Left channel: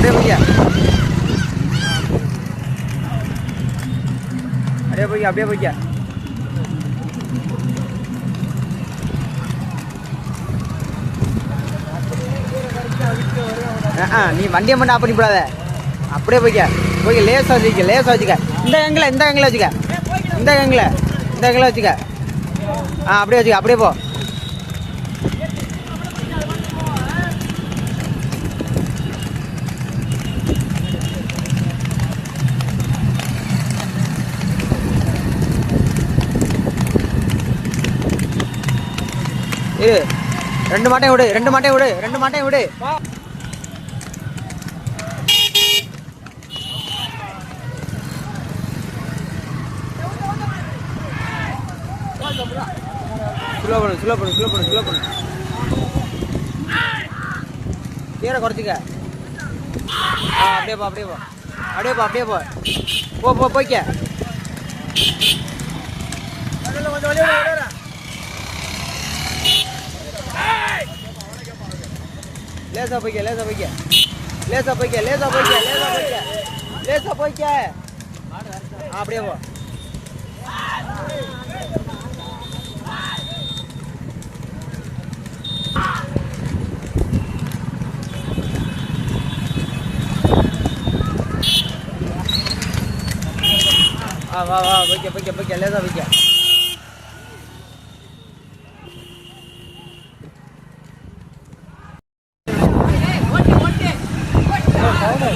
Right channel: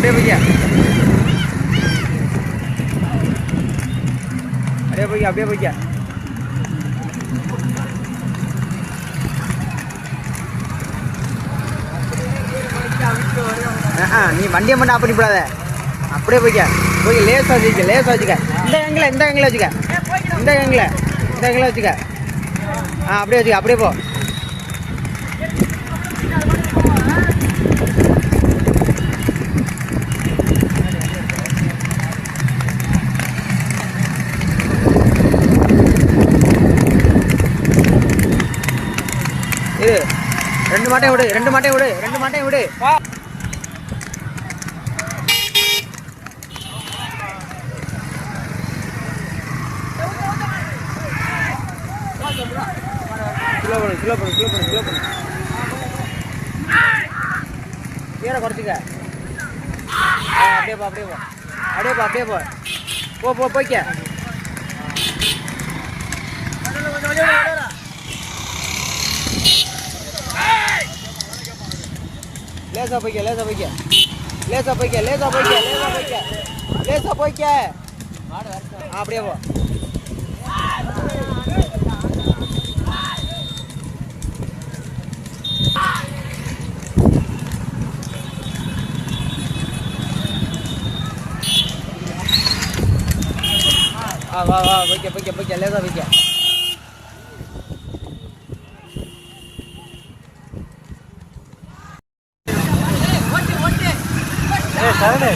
அப்படியே போய்க்க அப்படியே போய்க்க நீ வண்டியை மட்டும் ஆஃப் பண்ணி போடாத அப்படியே போய்க்க லேசாக வச்சுக்க இந்த எங்கில் வச்சுக்க இந்த எங்கில் வச்சுக்க அப்படியே வச்சுக்க அப்படியே போ இது ரெண்டு மாட்டையும் விடு ஸ்லோ பண்ணு கீரை குறைச்சிக்க அப்படியே போ போய்க்க லேசா போய்க்க அப்படியே போ வா போய்க்க லேசா போய்க்க சரணே